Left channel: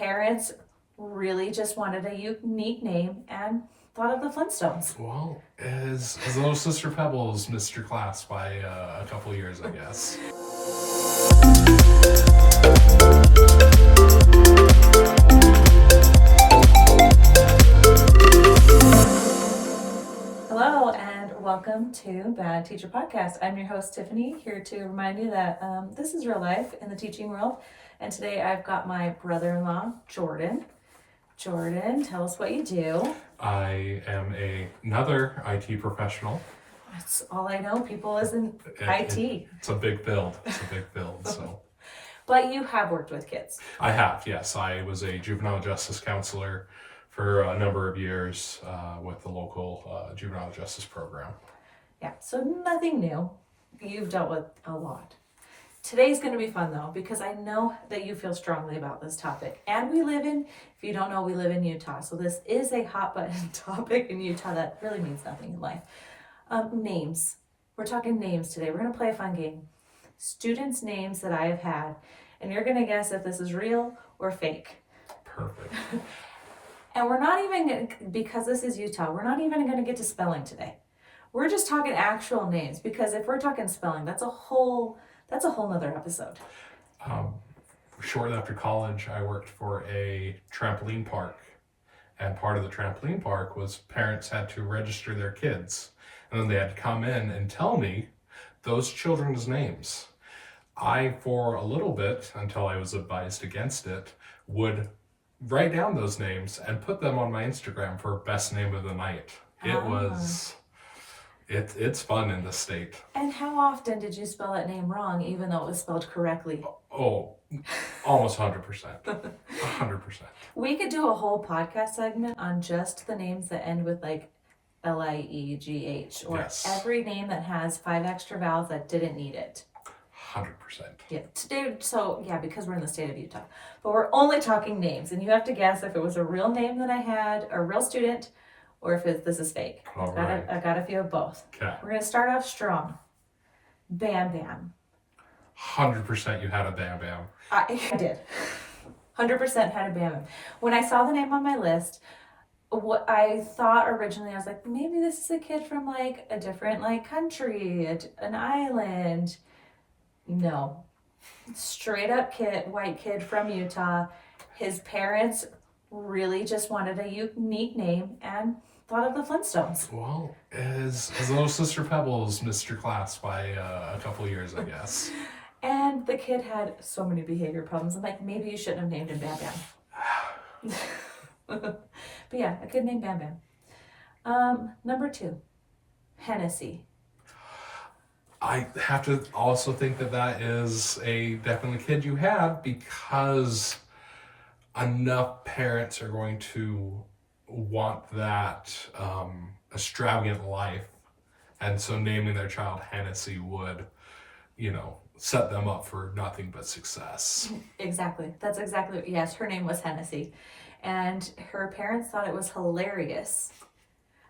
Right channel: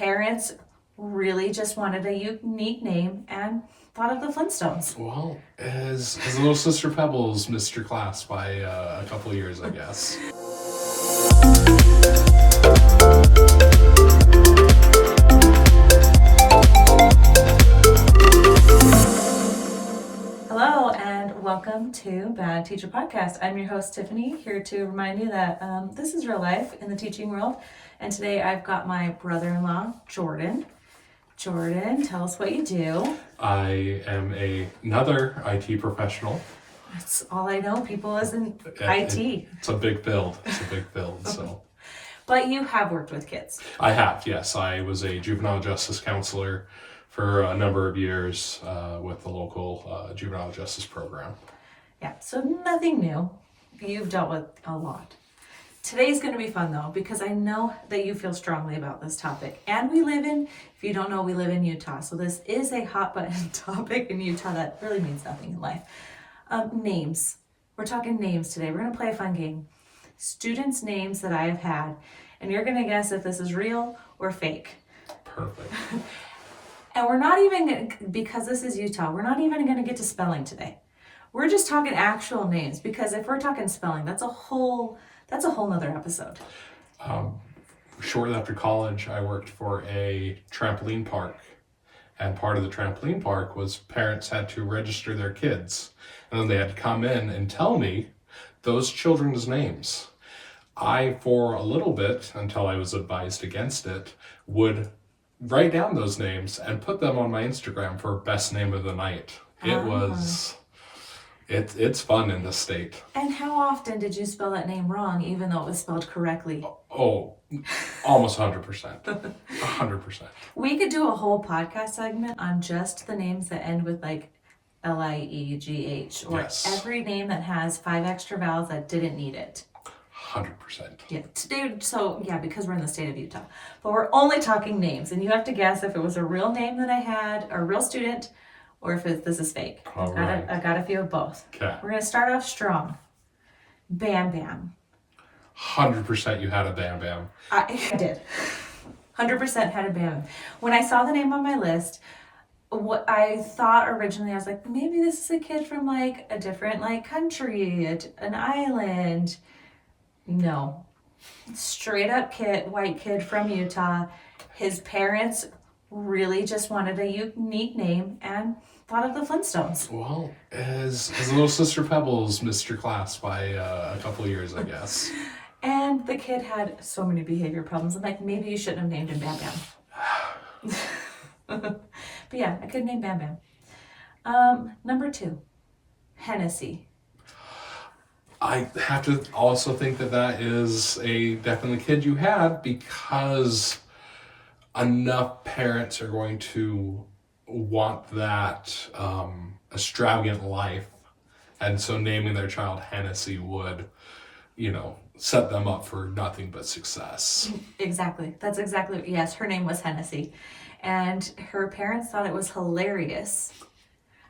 parents really just wanted a unique name and thought of the Flintstones. Well, as little Sister Pebbles missed your class by a couple years, I guess. Hello and welcome to Bad Teacher Podcast. I'm your host Tiffany, here to remind you that this is real life in the teaching world. And today I've got my brother-in-law, Jordan. Jordan, tell us what you do. I am another IT professional. That's all I know. People isn't IT. It's a big build. So. But you have worked with kids. I have, yes. I was a juvenile justice counselor for a number of years with the local juvenile justice program. Yeah, so nothing new. You've dealt with a lot. Today's going to be fun though, because I know that you feel strongly about this topic. And if you don't know, we live in Utah. So this is a hot button topic in Utah that really means nothing in life. Names. We're talking names today. We're going to play a fun game. Students' names that I have had. And you're going to guess if this is real or fake. Perfect. And we're not even, because this is Utah, we're not even going to get to spelling today. We're just talking actual names, because if we're talking spelling, that's a whole nother episode. Shortly after college, I worked for a trampoline park. And part of the trampoline park was parents had to register their kids. And then they had to come in and tell me those children's names. I, for a little bit, until I was advised against it, would write down those names and put them on my Instagram for best name of the night. It's fun in this state. And how often did you spell that name wrong, even though it was spelled correctly? Oh, almost 100%. 100%. We could do a whole podcast segment on just the names that end with like Liegh, or every name that has 5 extra vowels that didn't need it. 100%. Yeah, today, because we're in the state of Utah. But we're only talking names, and you have to guess if it was a real name that I had, a real student, or if this is fake. I got a few of both. Okay. We're going to start off strong. Bam Bam. 100% you had a Bam Bam. I did. 100% had a Bam Bam. When I saw the name on my list, what I thought originally, I was like, maybe this is a kid from like a different like country, an island. No. Straight up white kid from Utah. His parents really just wanted a unique name and thought of the Flintstones. Well, as little Sister Pebbles missed your class by a couple years, I guess. And the kid had so many behavior problems. I'm like, maybe you shouldn't have named him Bam Bam. But yeah, a kid named Bam Bam. Number 2, Hennessy. I have to also think that is a definitely kid you had, because enough parents are going to want that extravagant life, and so naming their child Hennessy would, set them up for nothing but success. Exactly. That's exactly, yes, her name was Hennessy, and her parents thought it was hilarious,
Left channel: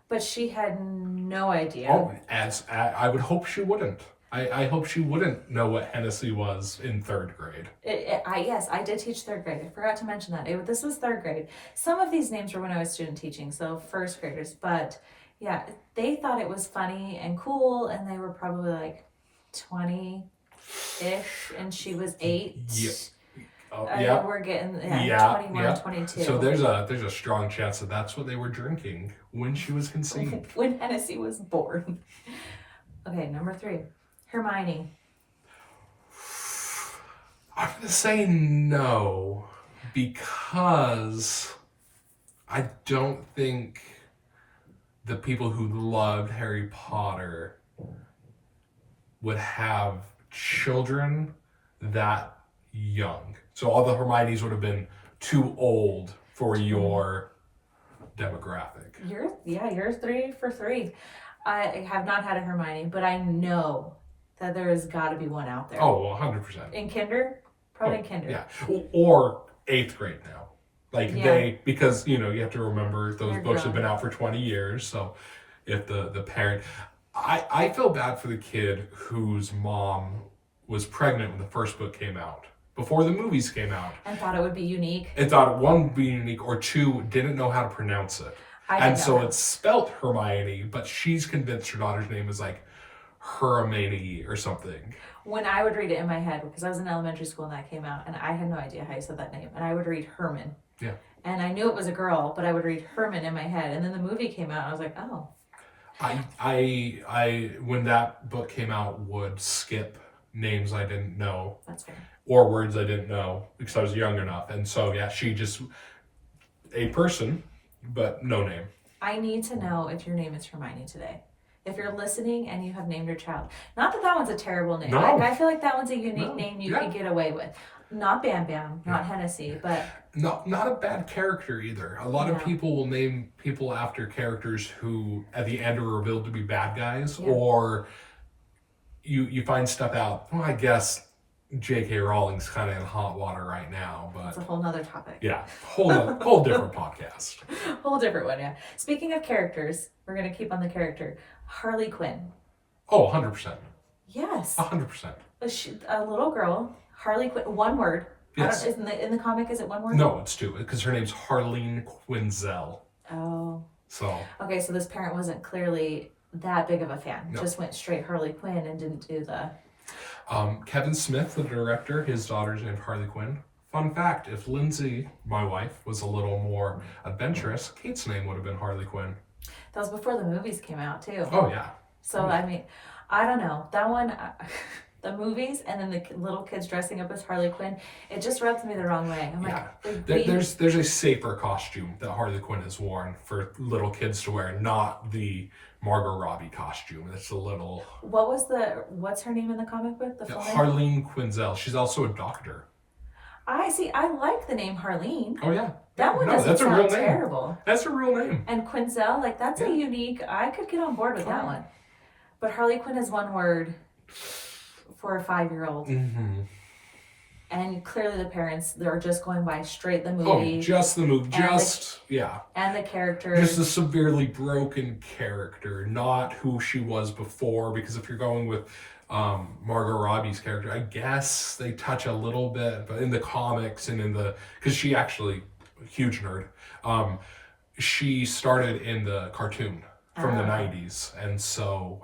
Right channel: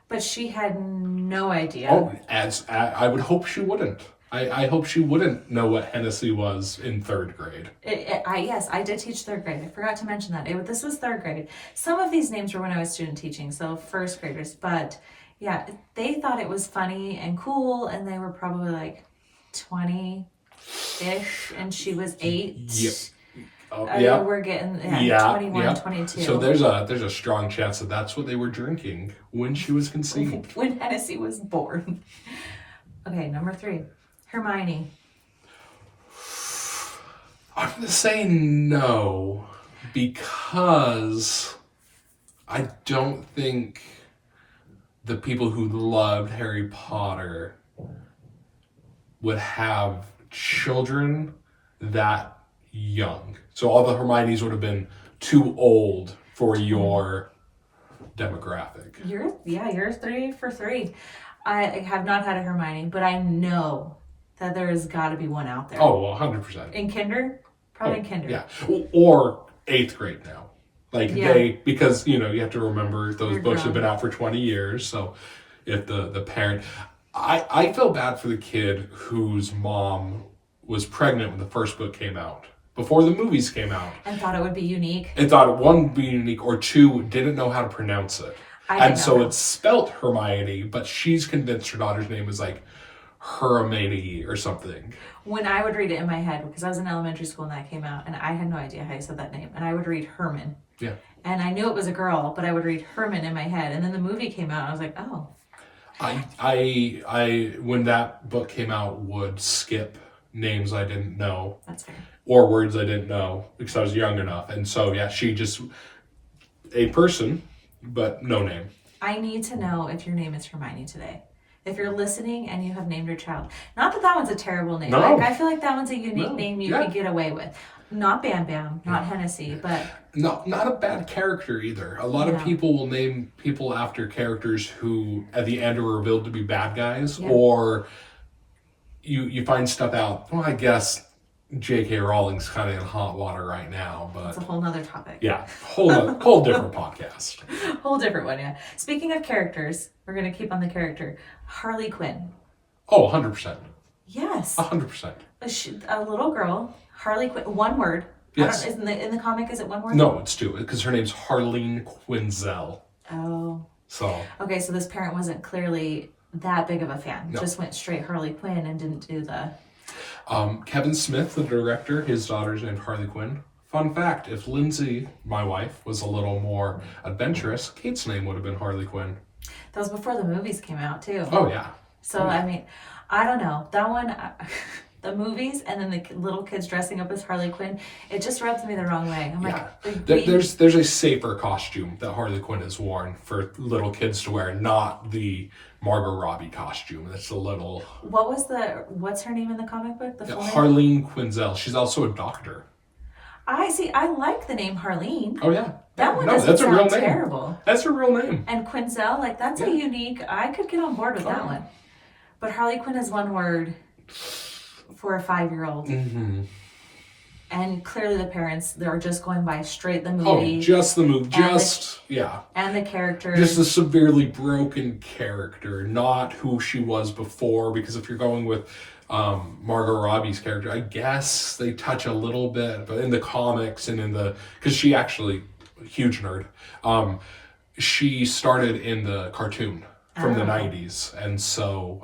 but she had no idea. Oh, as I would hope she wouldn't. I hope she wouldn't know what Hennessy was in 3rd grade. Yes, I did teach 3rd grade. I forgot to mention that. This was 3rd grade. Some of these names were when I was student teaching, so 1st graders. But yeah, they thought it was funny and cool, and they were probably like 20-ish, and she was 8. Yep. Yeah. We're getting 21, 22. So there's a strong chance that that's what they were drinking when she was conceived. When Hennessy was born. Okay, number 3, Hermione. I'm going to say no, because I don't think the people who loved Harry Potter would have children that young. So all the Hermiones would have been too old for your demographic. You're 3 for 3. I have not had a Hermione, but I know that there has got to be one out there. Oh, well, 100%. In kinder? Probably in kinder. Yeah. Or 8th grade now. Because, you have to remember those books have been out for 20 years. So if the parent, I feel bad for the kid whose mom was pregnant when the first book came out. before the movies came out. And thought it would be unique. It thought one would be unique, or two, didn't know how to pronounce it. And so it's spelt Hermione, but she's convinced her daughter's name is like Hermione or something. When I would read it in my head, because I was in elementary school when that came out, and I had no idea how you said that name, and I would read Herman. Yeah. And I knew it was a girl, but I would read Herman in my head, and then the movie came out, and I was like, oh. I when that book came out, would skip names I didn't know. That's fair. Or words I didn't know because I was young enough. And so, yeah, she just, a person, but no name. I need to know if your name is Hermione today. If you're listening and you have named your child. Not that one's a terrible name. No. Like, I feel like that one's a unique name you can get away with. Not Bam Bam, not Hennessy, but... Not a bad character either. A lot of people will name people after characters who at the end are revealed to be bad guys, or you find stuff out. Well, I guess J.K. Rowling's kind of in hot water right now, but it's a whole nother topic. Yeah, whole different podcast. Whole different one, yeah. Speaking of characters, we're gonna keep on the character. Harley Quinn. Oh, 100%. Yes. 100%. A little girl, Harley Quinn. One word. Yes. In the comic, is it one word? No, it's two, because her name's Harleen Quinzel. Oh. So. Okay, so this parent wasn't clearly that big of a fan. No. Just went straight Harley Quinn and didn't do the... Kevin Smith, the director, his daughter's named Harley Quinn. Fun fact, if Lindsay, my wife, was a little more adventurous, Kate's name would have been Harley Quinn. That was before the movies came out, too. Oh, yeah. So, I mean, I don't know. That one... the movies and then the little kids dressing up as Harley Quinn, it just rubs me the wrong way. I'm like, there's a safer costume that Harley Quinn has worn for little kids to wear, not the Margot Robbie costume. That's a little... What's her name in the comic book? The full name? Harleen Quinzel. She's also a doctor. I like the name Harleen. Oh, yeah. That one doesn't that's sound a real name. terrible. That's a real name. And Quinzel, like, that's a unique... I could get on board with that one. But Harley Quinn is one word... for a 5-year-old. Mm-hmm. And clearly the parents, they're just going by straight the movie. Oh, just the movie. And the character. Just a severely broken character, not who she was before. Because if you're going with Margot Robbie's character, I guess they touch a little bit. But in the comics and in the... Because she actually, huge nerd. She started in the cartoon from the 90s. And so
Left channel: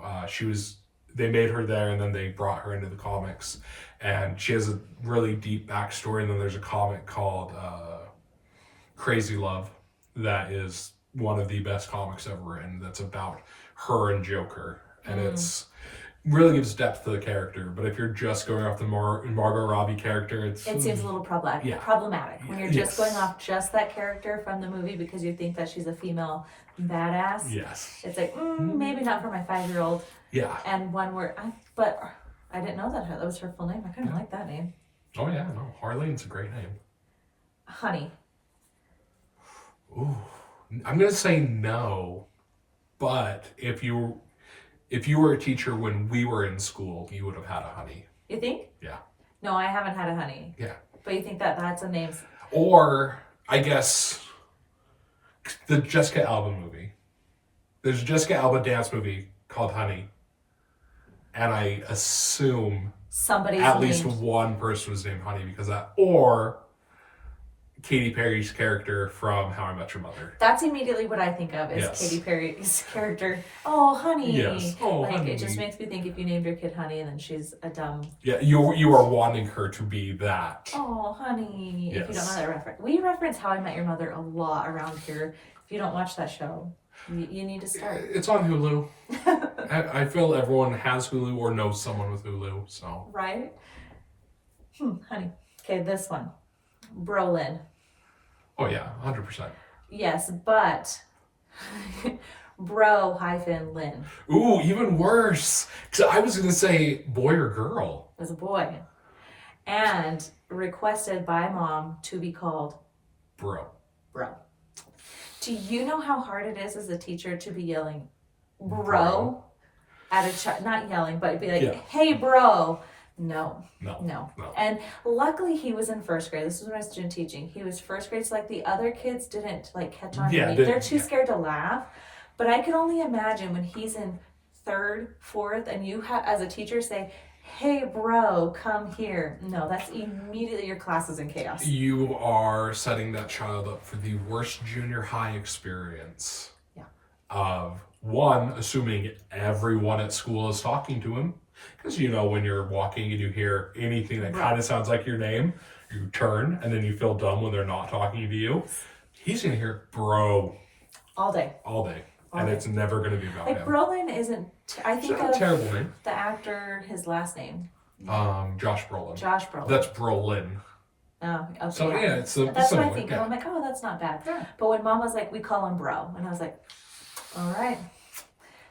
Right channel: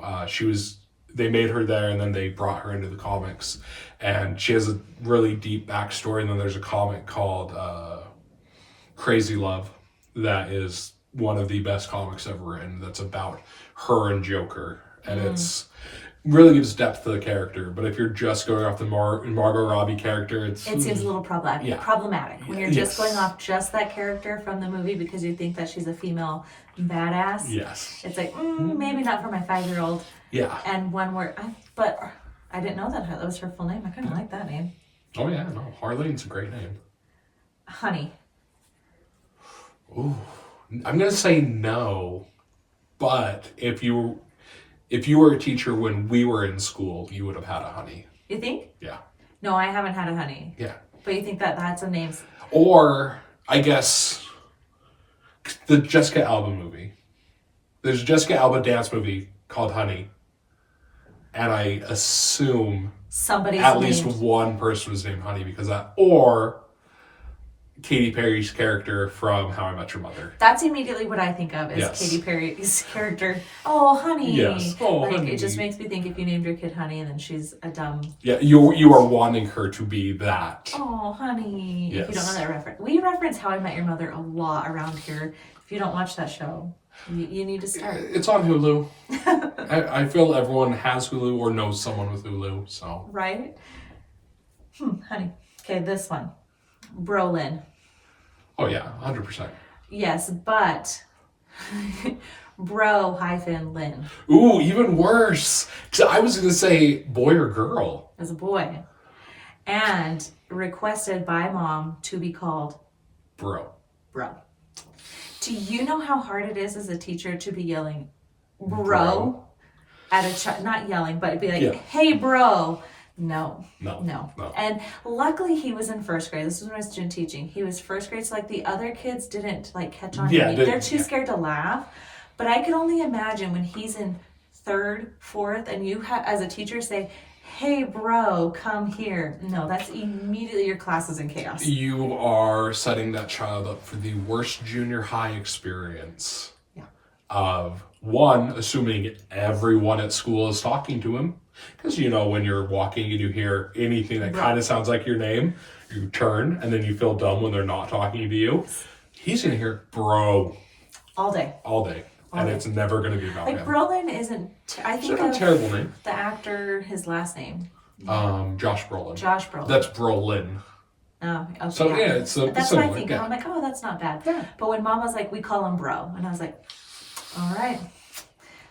they made her there, and then they brought her into the comics, and she has a really deep backstory. And then there's a comic called Crazy Love that is one of the best comics ever written, that's about her and Joker, and it's really gives depth to the character. But if you're just going off the Margot Robbie character, it seems a little problematic when you're just going off just that character from the movie because you think that she's a female badass. Yes, it's like maybe not for my 5-year-old. Yeah. And one word, but I didn't know that was her full name. I kind of like that name. Oh yeah, no, Harleen's a great name. Honey. Ooh, I'm gonna say no, but if you were a teacher when we were in school, you would have had a honey. You think? Yeah. No, I haven't had a honey. Yeah. But you think that's a name? Or I guess the Jessica Alba movie. There's a Jessica Alba dance movie called Honey. And I assume at least one person was named Honey because of that. Or Katy Perry's character from How I Met Your Mother. That's immediately what I think of is Katy Perry's character. Oh, Honey. Yes. Oh, like, Honey. It just makes me think if you named your kid Honey and then she's a dumb... Yeah, you are wanting her to be that. Oh, Honey. Yes. If you don't know that reference. We reference How I Met Your Mother a lot around here. If you don't watch that show, you need to start. It's on Hulu. I feel everyone has Hulu or knows someone with Hulu, so. Right? Honey. Okay, this one. Brolin. Oh yeah, 100%. Yes, but Bro-Lynn. Ooh, even worse. I was going to say boy or girl. As a boy. And requested by mom to be called Bro. Do you know how hard it is as a teacher to be yelling bro at a child? Not yelling, but be like, hey, bro. No. And luckily he was in first grade. This was when I was doing teaching. He was first grade, so like the other kids didn't like catch on to me. They're too scared to laugh. But I could only imagine when he's in 3rd, 4th, and you have as a teacher say, hey bro, come here. No, that's immediately your class is in chaos. You are setting that child up for the worst junior high experience. Yeah. Of one, assuming everyone at school is talking to him. Because when you're walking and you hear anything that kind of sounds like your name, you turn and then you feel dumb when they're not talking to you. He's going to hear bro all day. And it's never going to be about him. Brolin isn't, I think it's not a terrible name. The actor, his last name. Josh Brolin. Josh Brolin. That's Brolin. Okay, so yeah, it's that's similar. what I think. Yeah. I'm like, oh, that's not bad. Yeah. But when Mom was like, we call him bro, and I was like, all right,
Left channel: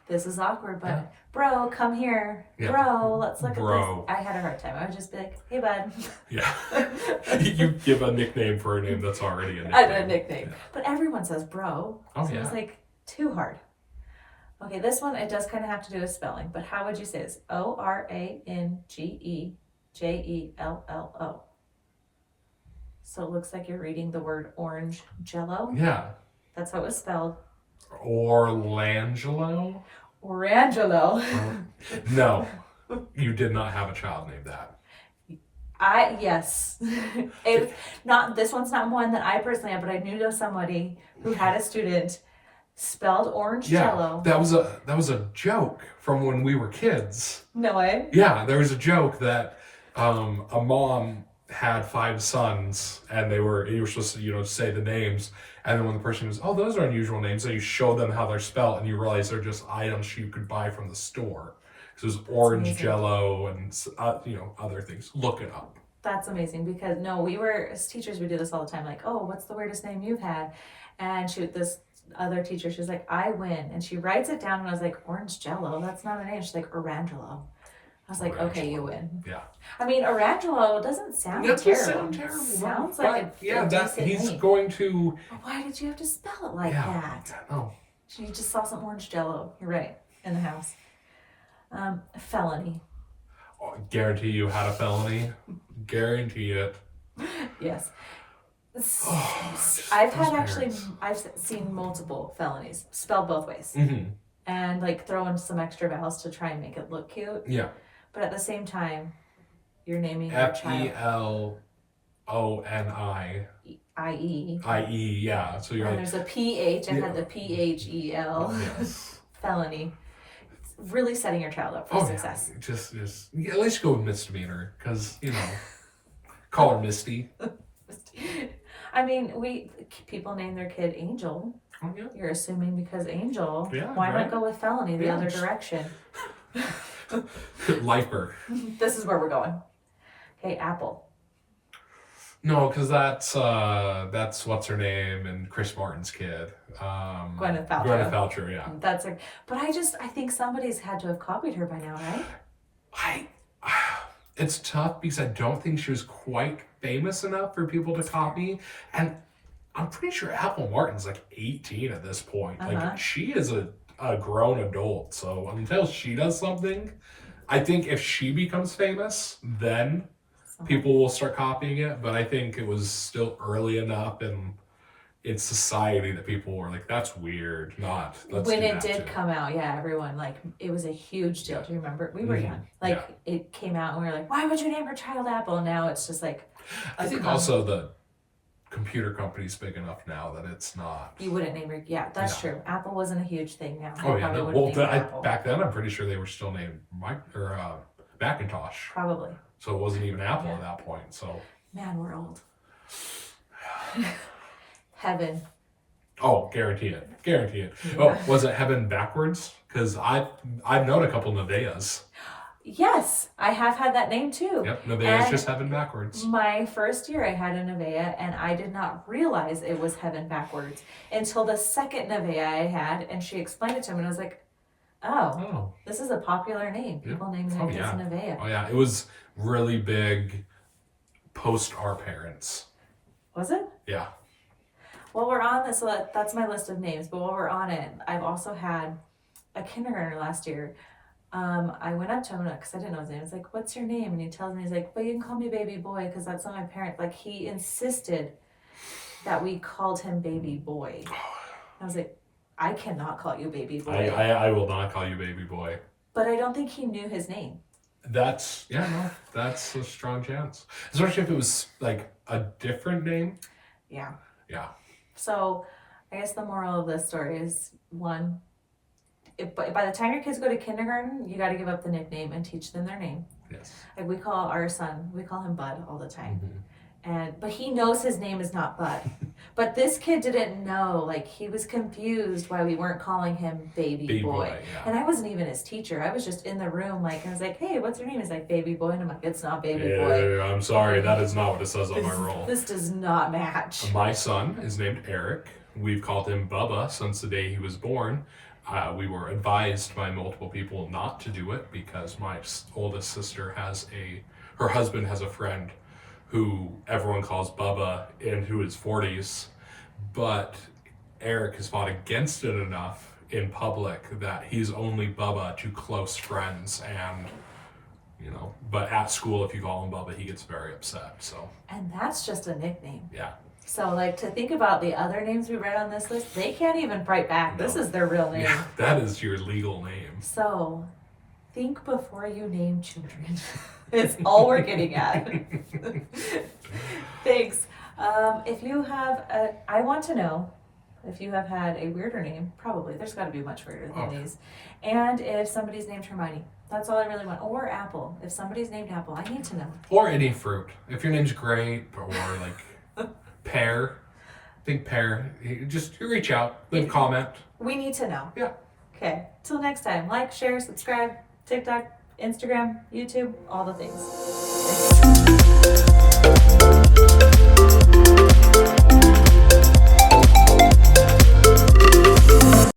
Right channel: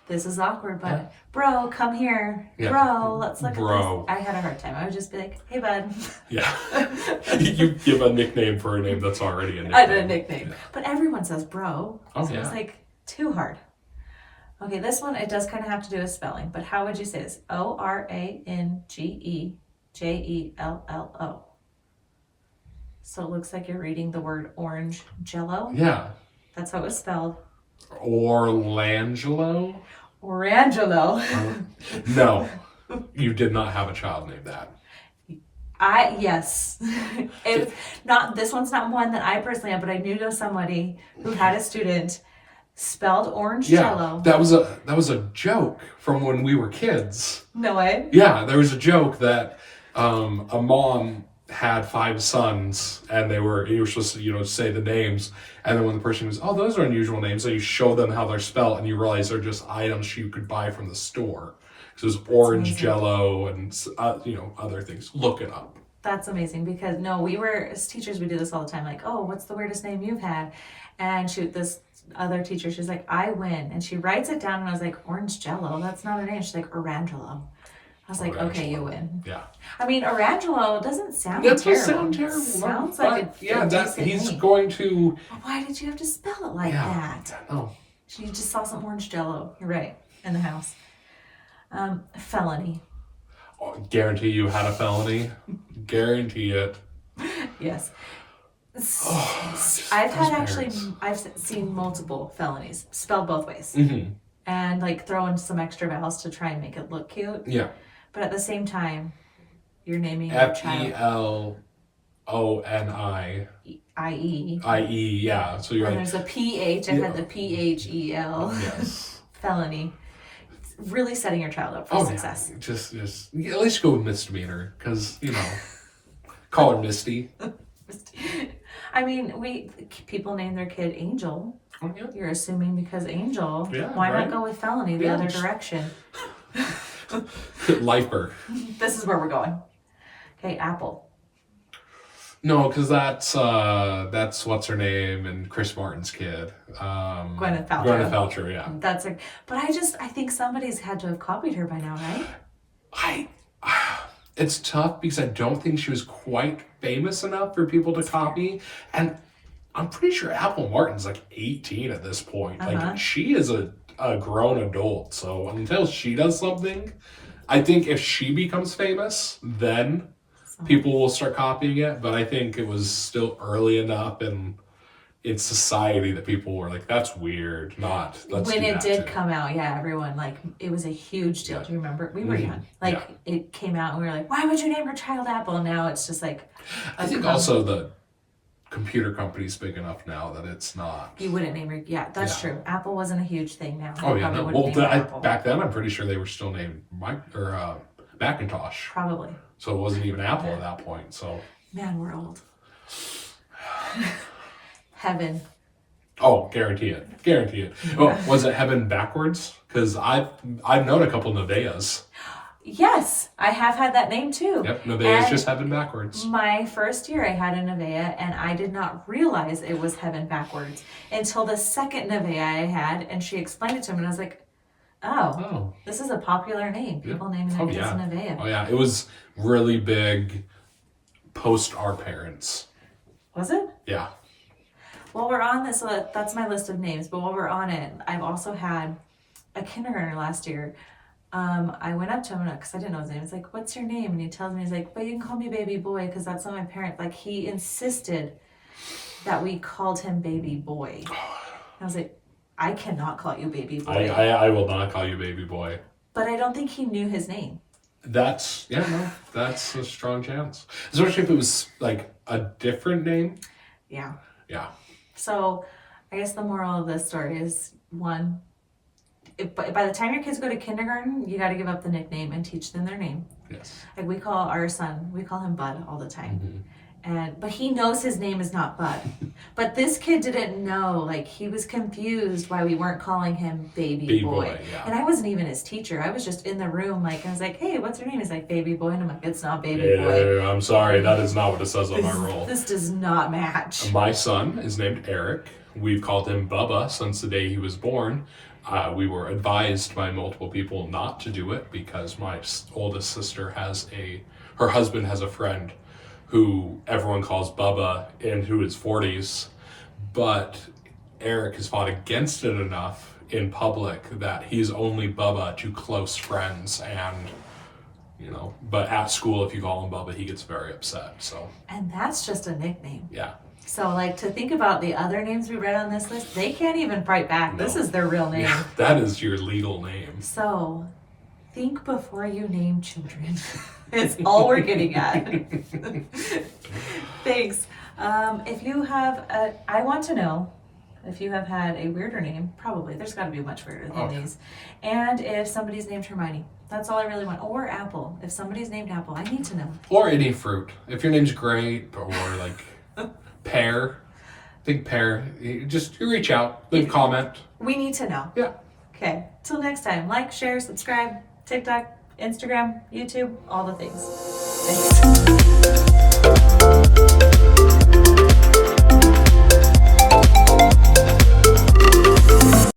this is awkward, but bro, come here, bro, let's look at this. I had a hard time. I would just be like, hey bud. Yeah. You give a nickname for a name that's already a nickname. I did a nickname, but everyone says bro. Oh so it's like too hard. Okay, this one it does kind of have to do with spelling, but how would you say this? Orangejello. So it looks like you're reading the word orange jello. Yeah. That's how it's spelled. Orlangelo? Orangelo. No, you did not have a child named that. Yes. This one's not one that I personally have, but I knew of somebody who had a student spelled orange jello. That was a joke from when we were kids. No way. Yeah, there was a joke that a mom had 5 sons and you were supposed to say the names, and then when the person goes, oh, those are unusual names, so you show them how they're spelled and you realize they're just items you could buy from the store. So it was orange jello and other things. Look it up. That's amazing, because we were as teachers, we do this all the time, like, oh, what's the weirdest name you've had? And this other teacher, she's like, I win, and she writes it down, and I was like, orange jello, that's not a name. She's like, Orangelo. I was like, Orangelo. Okay, you win. Yeah. I mean, Orangelo doesn't sound terrible. It sound terrible. Sounds like he's going to. Why did you have to spell it like that? No. You just saw some orange jello. You're right, in the house. Felony. Oh, guarantee you had a felony. Guarantee it. Yes. I've seen multiple felonies spelled both ways. Mm-hmm. And throw in some extra vowels to try and make it look cute. Yeah. But at the same time, you're naming your child FELONI. IE. Yeah. So you're. And there's a PH. I had the PHEL. Yes. Felony. It's really setting your child up for success. Yeah. Just at least go with misdemeanor, because call her Misty. I mean, people name their kid Angel. Oh, yeah. You're assuming because Angel. Yeah, why not go with felony the other direction? Lifer. This is where we're going. Okay, Apple. No, because that's what's her name and Chris Martin's kid. Gwyneth Paltrow. Gwyneth Paltrow, yeah. That's but I think somebody's had to have copied her by now, right? It's tough because I don't think she was quite famous enough for people to copy, and I'm pretty sure Apple Martin's 18 at this point. She is a grown adult, so until she does something, I think if she becomes famous, then people will start copying it. But I think it was still early enough in society that people were like, that's weird. When it did come out, everyone, it was a huge deal. Do you remember? We were young. It came out and we were like, why would you name your child Apple? Now it's just I think also the computer company's big enough now that it's not. You wouldn't name your. Yeah, that's true. Apple wasn't a huge thing now. Oh yeah, no. Well, back then I'm pretty sure they were still named Macintosh. Probably. So it wasn't even Apple at that point. So. Man, we're old. Heaven. Oh, guarantee it. Yeah. Oh, was it Heaven backwards? Because I've known a couple Nevaehs. Yes, I have had that name too. Yep, Nevaeh's just Heaven backwards. My first year I had a Nevaeh, and I did not realize it was Heaven backwards until the second Nevaeh I had, and she explained it to me, and I was like, oh. This is a popular name. People naming their kids Nevaeh. Oh yeah, it was really big post our parents. Was it? Yeah. While we're on this, so that's my list of names, but while we're on it, I've also had a kindergartner last year. I went up to him because I didn't know his name. It's like, what's your name? And he tells me, he's like, well, you can call me baby boy because that's what my parents, he insisted that we called him baby boy. I was like, I cannot call you baby boy. I will not call you baby boy. But I don't think he knew his name. That's that's a strong chance, especially if it was like a different name. Yeah. Yeah. So I guess the moral of this story is one, by the time your kids go to kindergarten, you got to give up the nickname and teach them their name. Yes. Like we call our son, we call him Bud all the time. But he knows his name is not Bud. But this kid didn't know, like he was confused why we weren't calling him baby boy. Yeah. And I wasn't even his teacher. I was just in the room, like I was like, hey, what's your name? He's like baby boy, and I'm like, it's not baby boy. I'm sorry, that is not what it says on my roll. This does not match. My son is named Eric. We've called him Bubba since the day he was born. We were advised by multiple people not to do it because my oldest sister her husband has a friend who everyone calls Bubba and who is 40s, but Eric has fought against it enough in public that he's only Bubba to close friends, and but at school if you call him Bubba he gets very upset. So, and that's just a nickname. Yeah. So like to think about the other names we read on this list, they can't even fight back. No. This is their real name. Yeah, that is your legal name. So think before you name children. It's all we're getting at. Thanks. If you have I want to know if you have had a weirder name. Probably. There's got to be much weirder than these. And if somebody's named Hermione. That's all I really want. Or Apple. If somebody's named Apple, I need to know. Or any fruit. If your name's grape or like pear. Think pear. You reach out. Leave a comment. We need to know. Yeah. Okay. Till next time. Like, share, subscribe. TikTok, Instagram, YouTube, all the things. Thanks.